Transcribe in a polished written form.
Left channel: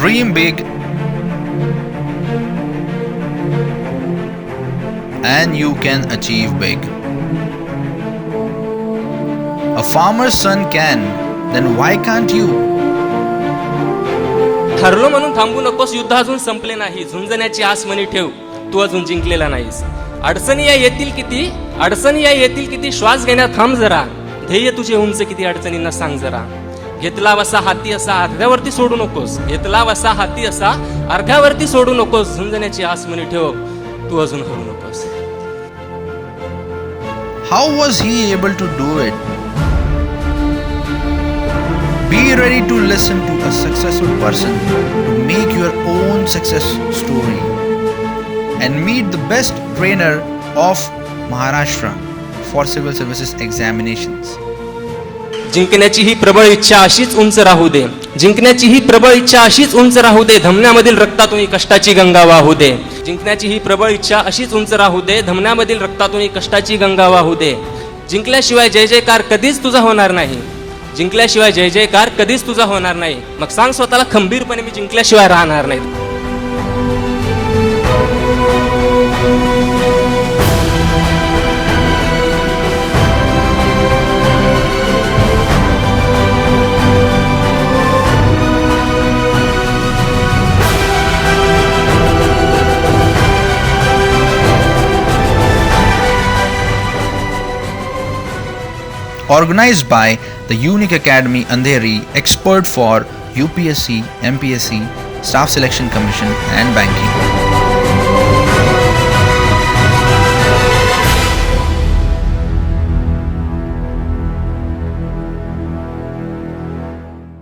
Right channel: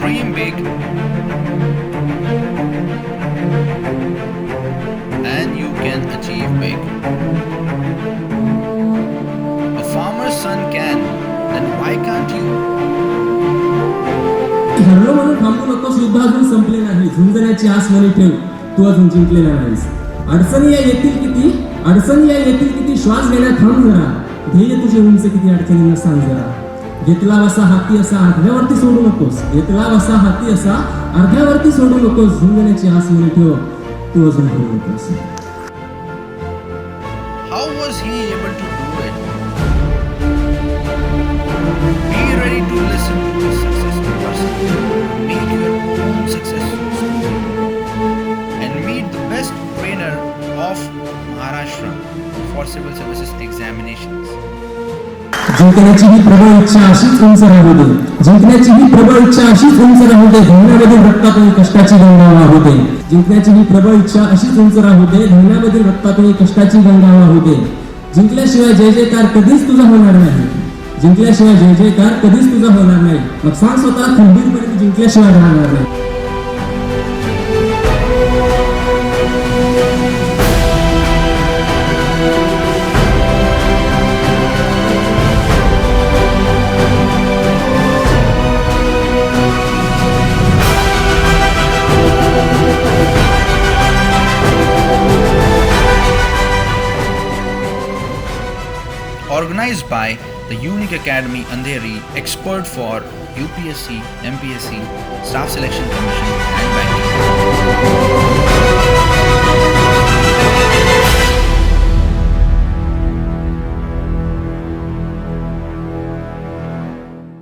Dream big and you can achieve big. A farmer's son can, then why can't you? ठरलो म्हणून थांबू नकोस, युद्ध अजून संपले नाही. झुंजण्याची आस मनी ठेव, तू अजून जिंकलेला नाहीस. अडचणी या येतील किती, श्वास घेण्यात थांब जरा. ध्येय तुझे उंच किती, अडचणींना सांग जरा. घेतला वसा हाती असा अर्ध्यावरती सोडू नकोस. झुंजण्याची आस मनी ठेव, तू अजून हरू नकोस. How was he able to do it? Be ready to listen to a successful person to make your own success story and meet the best trainer of Maharashtra for civil services examinations. जिंकण्याची ही प्रबळ इच्छा अशीच उंच राहू दे. धमन्यामधील रक्तातून कष्टाची गंगा वाहू दे. जिंकल्याशिवाय जय जयकार कधीच तुझा होणार नाही. मग सांग स्वतःला खंबीरपणे, मी जिंकल्याशिवाय राहणार नाही. Organized by the Unique Academy Andheri, expert for UPSC, MPSC, Staff Selection Commission and Banking.